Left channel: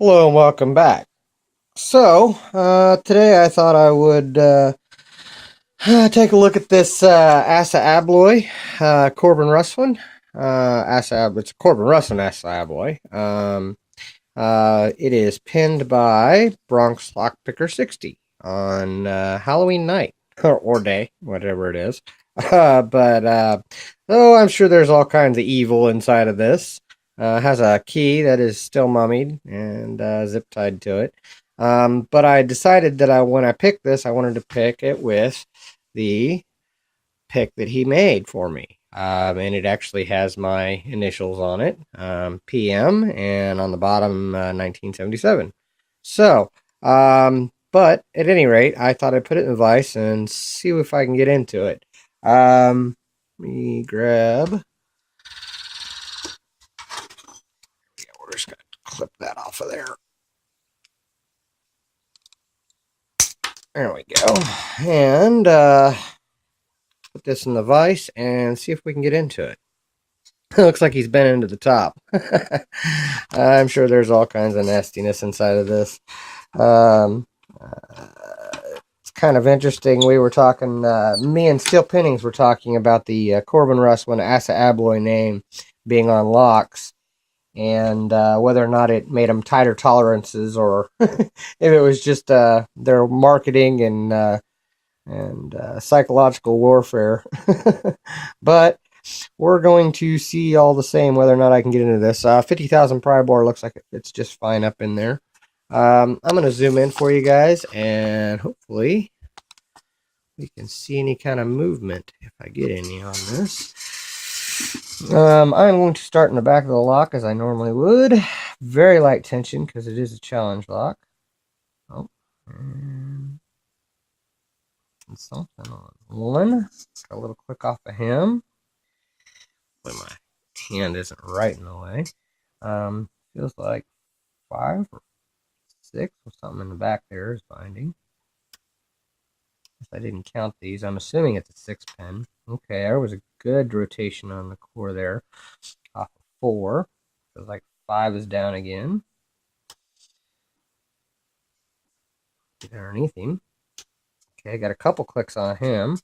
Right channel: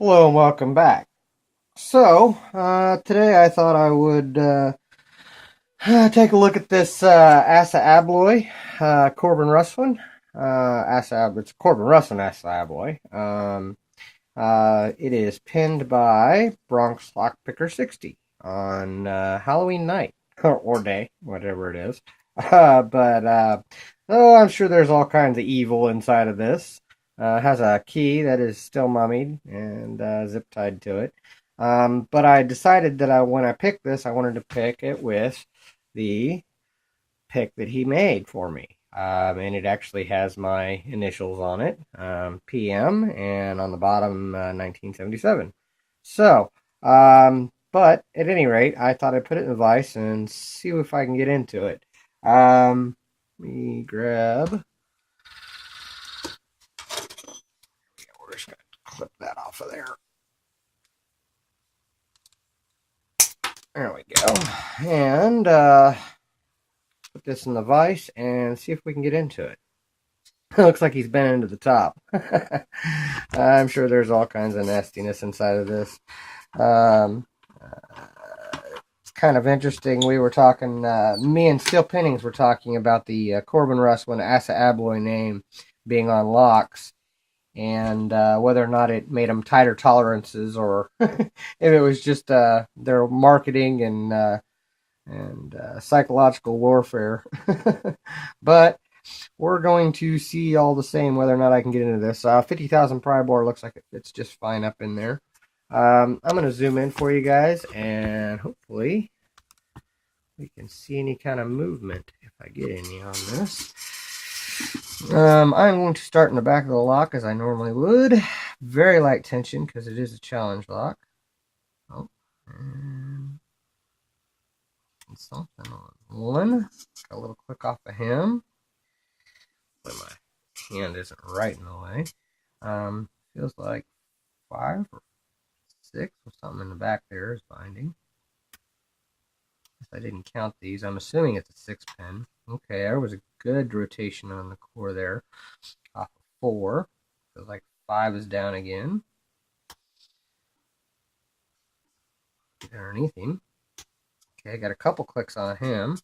Hello and welcome back. Today I thought I would take a look at this ASSA ABLOY, Corbin Russwin. It's Corbin Russwin ASSA ABLOY. It is pinned by Bonx Lockpicer60 on Halloween night or day, whatever it is. Oh, I'm sure there's all kinds of evil inside of this. Has a key that is still mummied and zip tied to it. But I decided that when I picked this, I wanted to pick it with the pick that he made for me. And it actually has my initials on it, PM, and on the bottom, 1977. But at any rate, I thought I'd put it in the vise and see if I can get into it. Let me grab. Yeah, we're just going to clip that off of there. There we go. And put this in the vise and see if we can get into it. It looks like he's been into the top. I'm sure there's all kinds of nastiness inside of this. It's kind of interesting. We were talking, me and Steel Pinnings were talking about the Corbin Russwin ASSA ABLOY name being on locks, and whether or not it made them tighter tolerances, or if it was just their marketing and psychological warfare. But we're going to see all the same whether or not I can get into this. 50,000 pry bar looks like it's just fine up in there. I'm going to zoom in for you guys, and hopefully we can see any kind of movement if I get any on this. I'm going to start in the back of the lock as I normally would. Very light tension because it is a challenge lock. Oh, and something on one. Got a little click off of him. But my hand isn't right in the way. Feels like 5 or 6 or something in the back there is binding. I didn't count these. I'm assuming it's a 6 pin. Okay, there was a good rotation on the core there. Off of 4. Feels like 5 is down again. Get underneath him. Okay, got a couple clicks on him.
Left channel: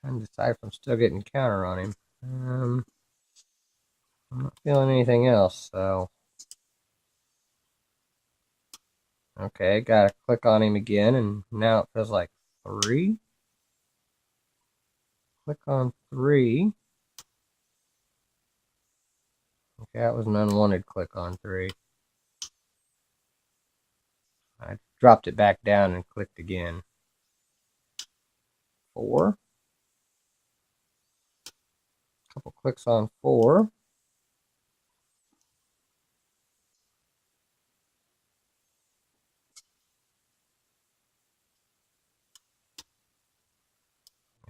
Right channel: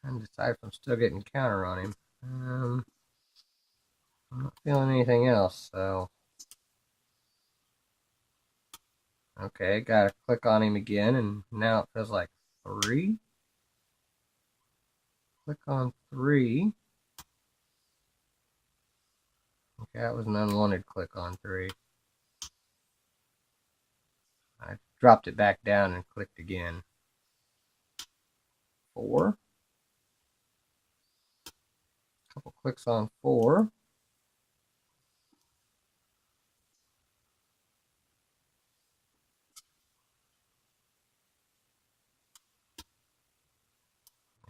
Trying to decide if I'm still getting counter on him. I'm not feeling anything else, so. Okay, gotta click on him again, and now it feels like 3. Click on 3. Okay, that was an unwanted click on 3. I dropped it back down and clicked again. 4. Couple clicks on 4.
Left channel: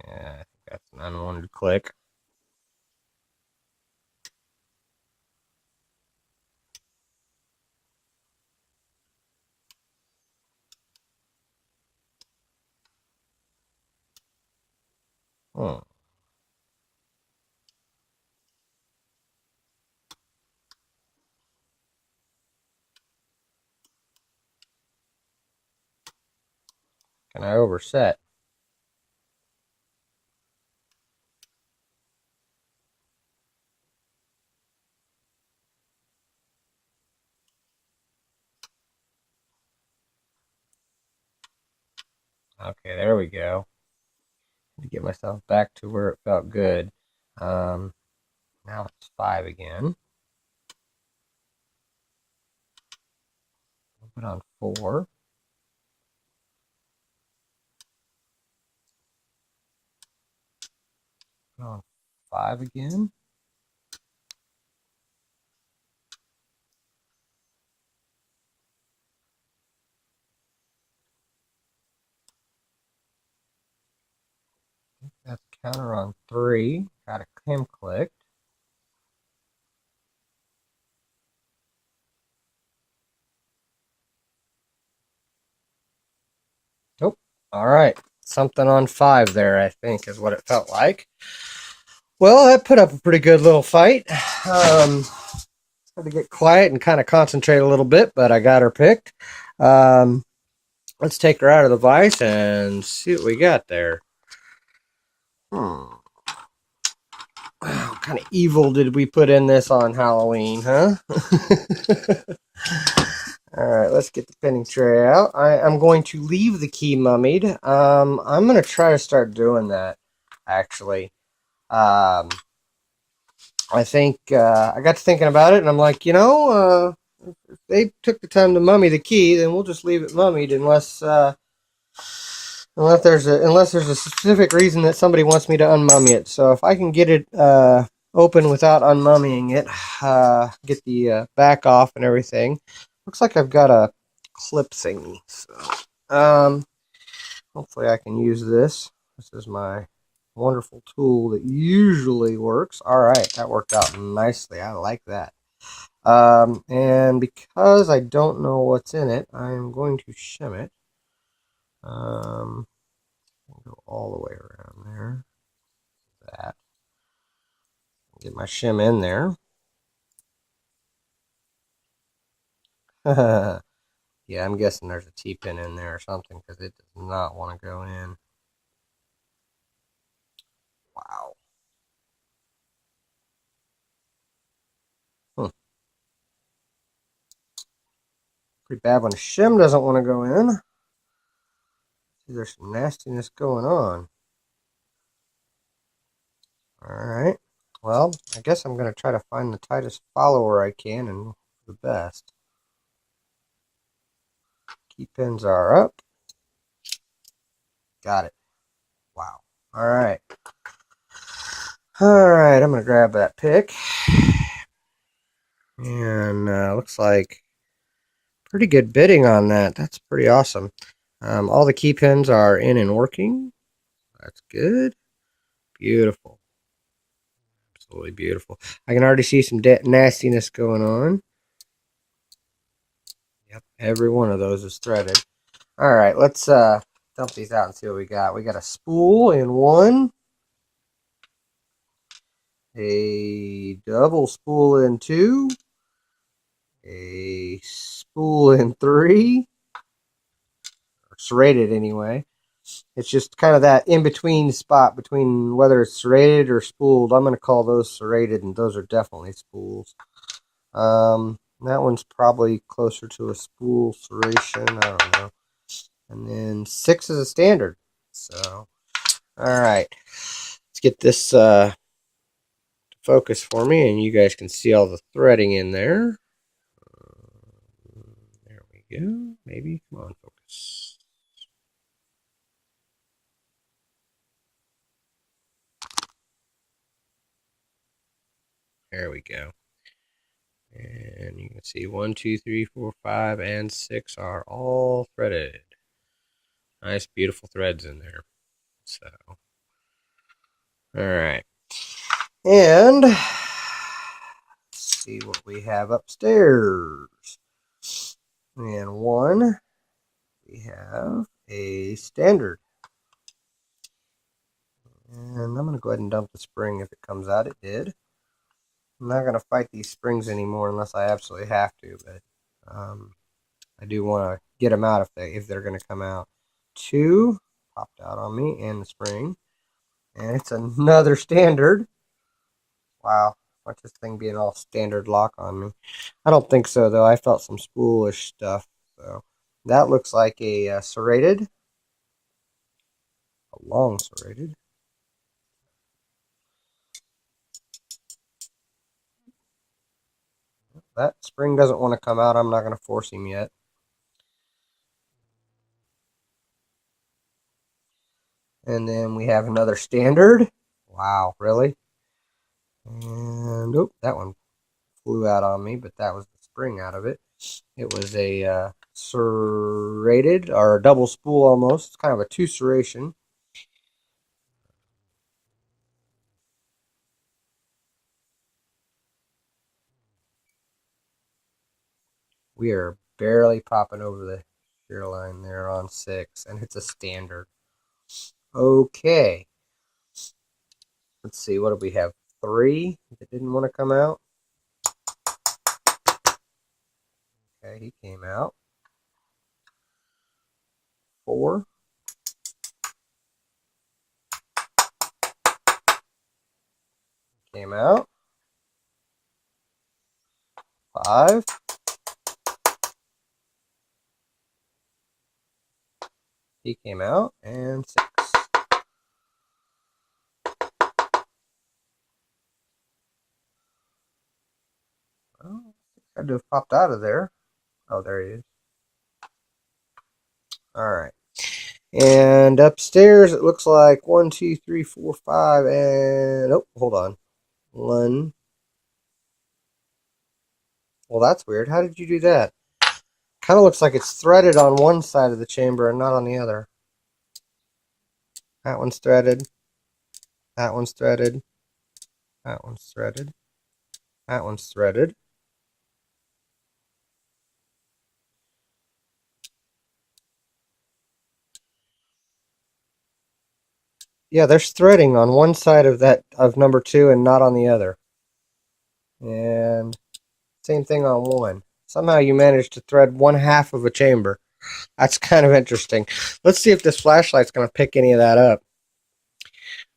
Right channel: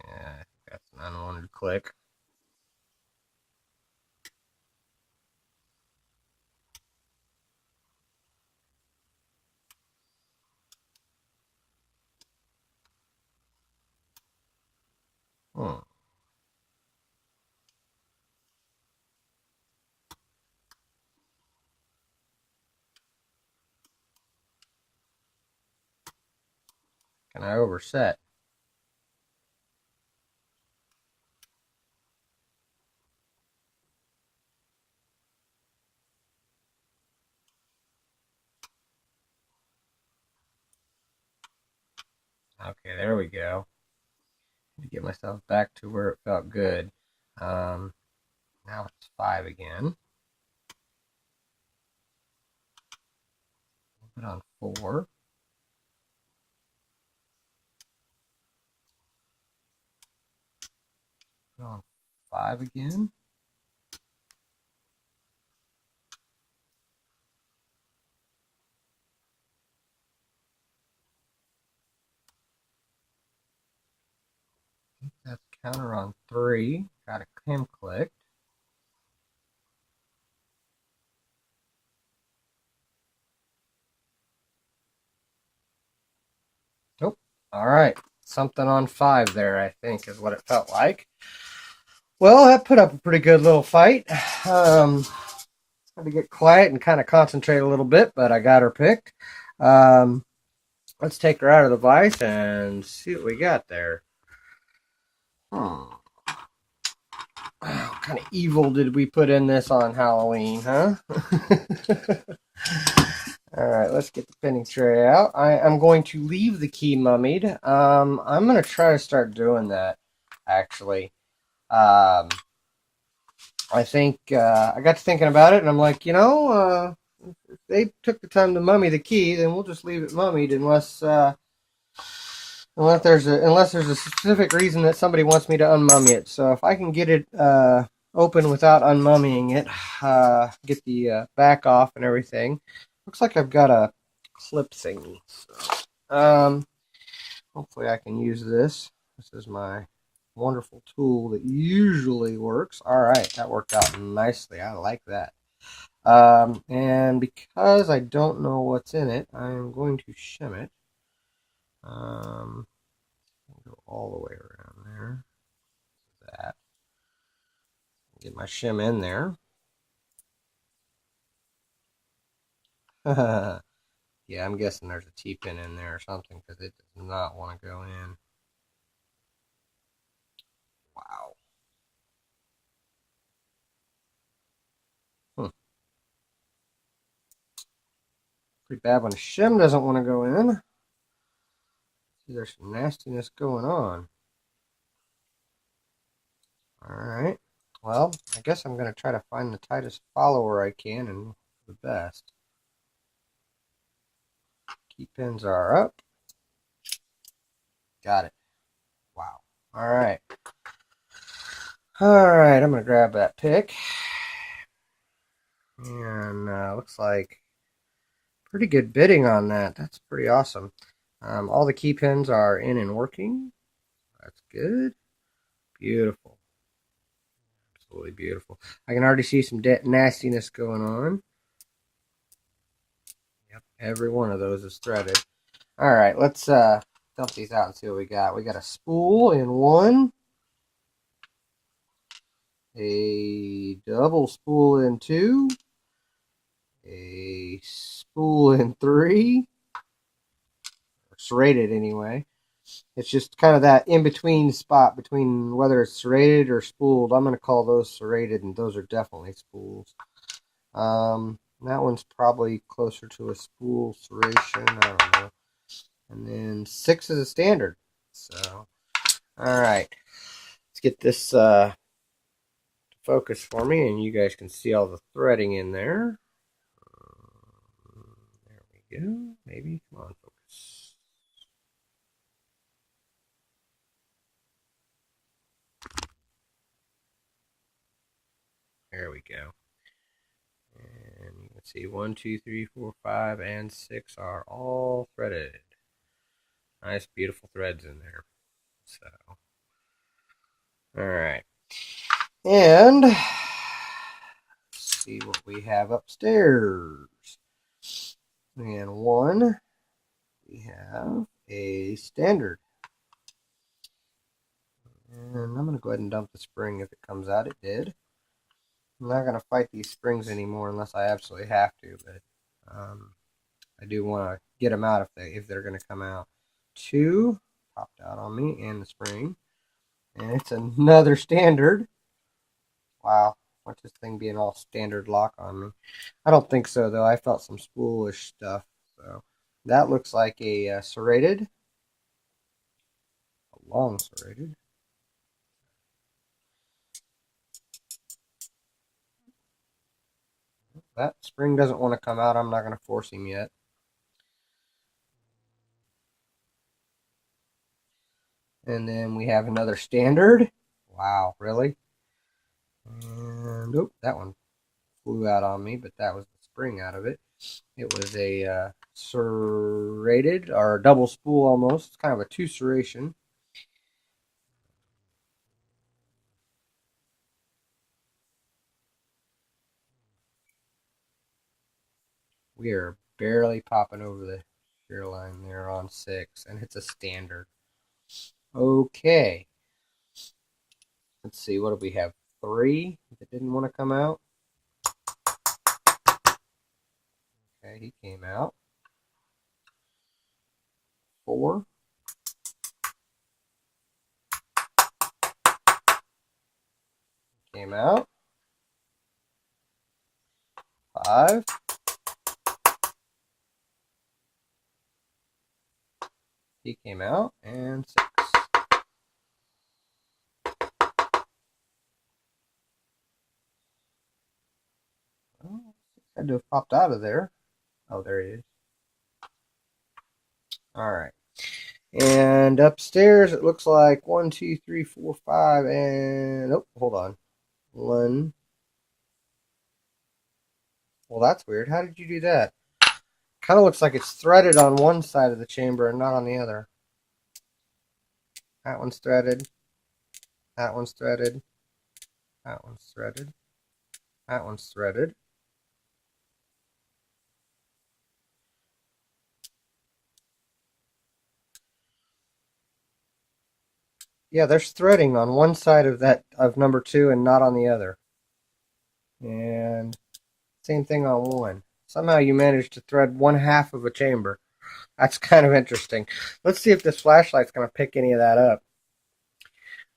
Yeah, I think that's an unwanted click. Hmm. Can I overset? Okay, there we go. To get myself back to where it felt good. Now it's 5 again. Put on 4. Put on 5 again. That's counter on 3. Got him clicked. Nope. All right. Something on 5 there, I think, is what it felt like. Well, that put up a pretty good little fight. Had to get quiet and kind of concentrate a little bit, but I got her picked. Um, let's take her out of the vise and see what we got there. What kind of evil did we put in this on Halloween, huh? All right, let's get the pinning tray out. I'm going to leave the key mummied. I'm going to try to start doing that, actually. I think I got to thinking about it, and I'm like, if they took the time to mummy the key, then we'll just leave it mummied unless there's a specific reason that somebody wants me to unmummy it. So if I can get it open without unmummying it, get the back off and everything. Looks like I've got a clip thingy. So, hopefully I can use this. This is my wonderful tool that usually works. All right, that worked out nicely. I like that. And because I don't know what's in it, I'm going to shim it. Go all the way around there. That. Get my shim in there. Yeah, I'm guessing there's a T-pin in there or something because it does not want to go in. Wow. Pretty bad when the shim doesn't want to go in. See, there's some nastiness going on. Alright. Well, I guess I'm going to try to find the tightest follower I can and hope for the best. Key pins are up. Got it. Wow. Alright. Alright, I'm going to grab that pick. And looks like pretty good bidding on that. That's pretty awesome. All the key pins are in and working. That's good. Beautiful. Absolutely beautiful. I can already see some nastiness going on. Yep, every one of those is threaded. All right, let's dump these out and see what we got. We got a spool in one, a double spool in two, a spool in three, or serrated anyway. It's just kind of that in-between spot between whether it's serrated or spooled. I'm going to call those serrated, and those are definitely spools. That one's probably closer to a spool serration. I don't know. And then 6 is a standard. So, all right. Let's get this to focus for me, and you guys can see all the threading in there. There we go. Maybe. Come on, focus. There we go. And you can see 1, 2, 3, 4, 5, and 6 are all threaded. Nice, beautiful threads in there. So, all right. And let's see what we have upstairs. And one, we have a standard. And I'm going to go ahead and dump the spring if it comes out. It did. I'm not going to fight these springs anymore unless I absolutely have to, but I do want to get them out if they're going to come out. 2 popped out on me, and the spring. And it's another standard. Wow. What's this thing being all standard lock on me? I don't think so, though. I felt some spoolish stuff. So that looks like a serrated. A long serrated. That spring doesn't want to come out. I'm not going to force him yet. And then we have another standard. Wow, really? And oh, that one flew out on me, but that was the spring out of it. It was a serrated, or a double spool almost. It's kind of a 2 serration. We are barely popping over the shear line there on 6, and it's a standard. Okay. Let's see, what do we have? 3 that didn't want to come out. Okay, he came out. 4. Came out. 5. He came out. And 6. Oh, had to have popped out of there. Oh, there he is. Alright. And upstairs, it looks like 1, 2, 3, 4, 5, and... Oh, hold on. 1. Well, that's weird. How did you do that? Kind of looks like it's threaded on one side of the chamber and not on the other. That one's threaded. That one's threaded. That one's threaded. That one's threaded. Yeah, there's threading on one side of number 2 and not on the other. And same thing on 1. Somehow you managed to thread 1/2 of a chamber. That's kind of interesting. Let's see if this flashlight's going to pick any of that up.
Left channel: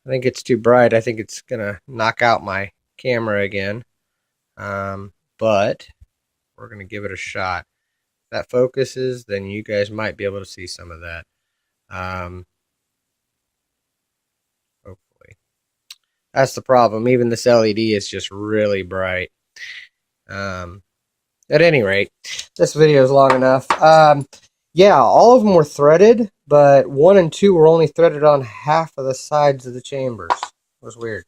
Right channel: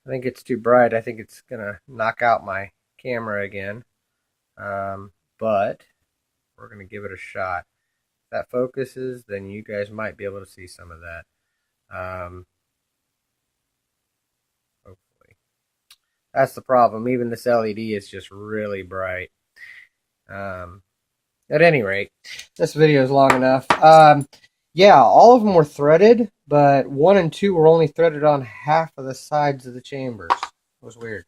I think it's too bright. I think it's going to knock out my camera again. But we're going to give it a shot. If that focuses, then you guys might be able to see some of that. Hopefully. That's the problem. Even this LED is just really bright. At any rate, this video is long enough. Yeah, all of them were threaded, but 1 and 2 were only threaded on half of the sides of the chambers. It was weird.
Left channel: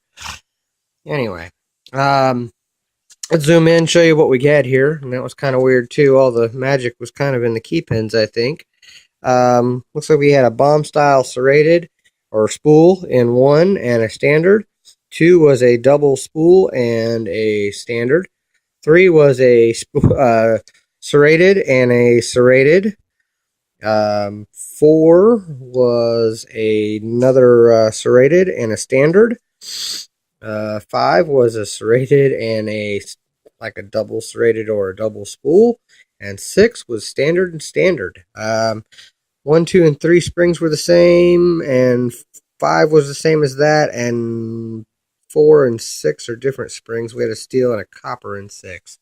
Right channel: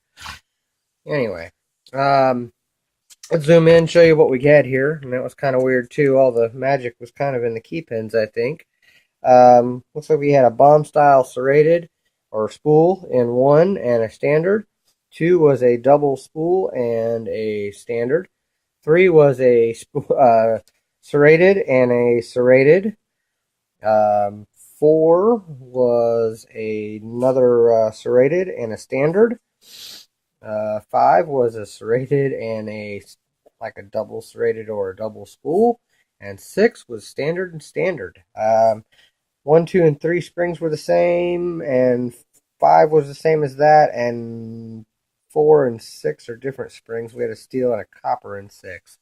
Anyway, let's zoom in and show you what we get here. And that was kind of weird too. All the magic was kind of in the key pins, I think. Looks like we had a bomb style serrated or spool in 1 and a standard. 2 was a double spool and a standard. 3 was a serrated and a serrated. 4 was another serrated and a standard. 5 was a serrated and a double serrated or a double spool. And 6 was standard and standard. 1, 2, and 3 springs were the same, and 5 was the same as that, and 4 and 6 are different springs. We had a steel and a copper in 6.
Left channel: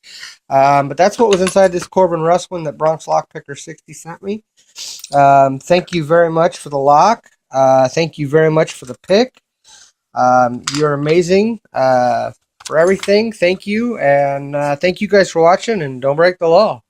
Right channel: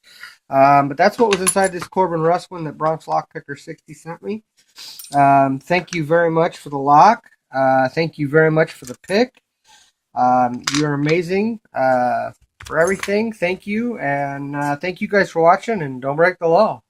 But that's what was inside this Corbin Russwin that Bonx Lockpicer60 sent me. Thank you very much for the lock. Thank you very much for the pick. You're amazing for everything. Thank you. And thank you guys for watching, and don't break the law.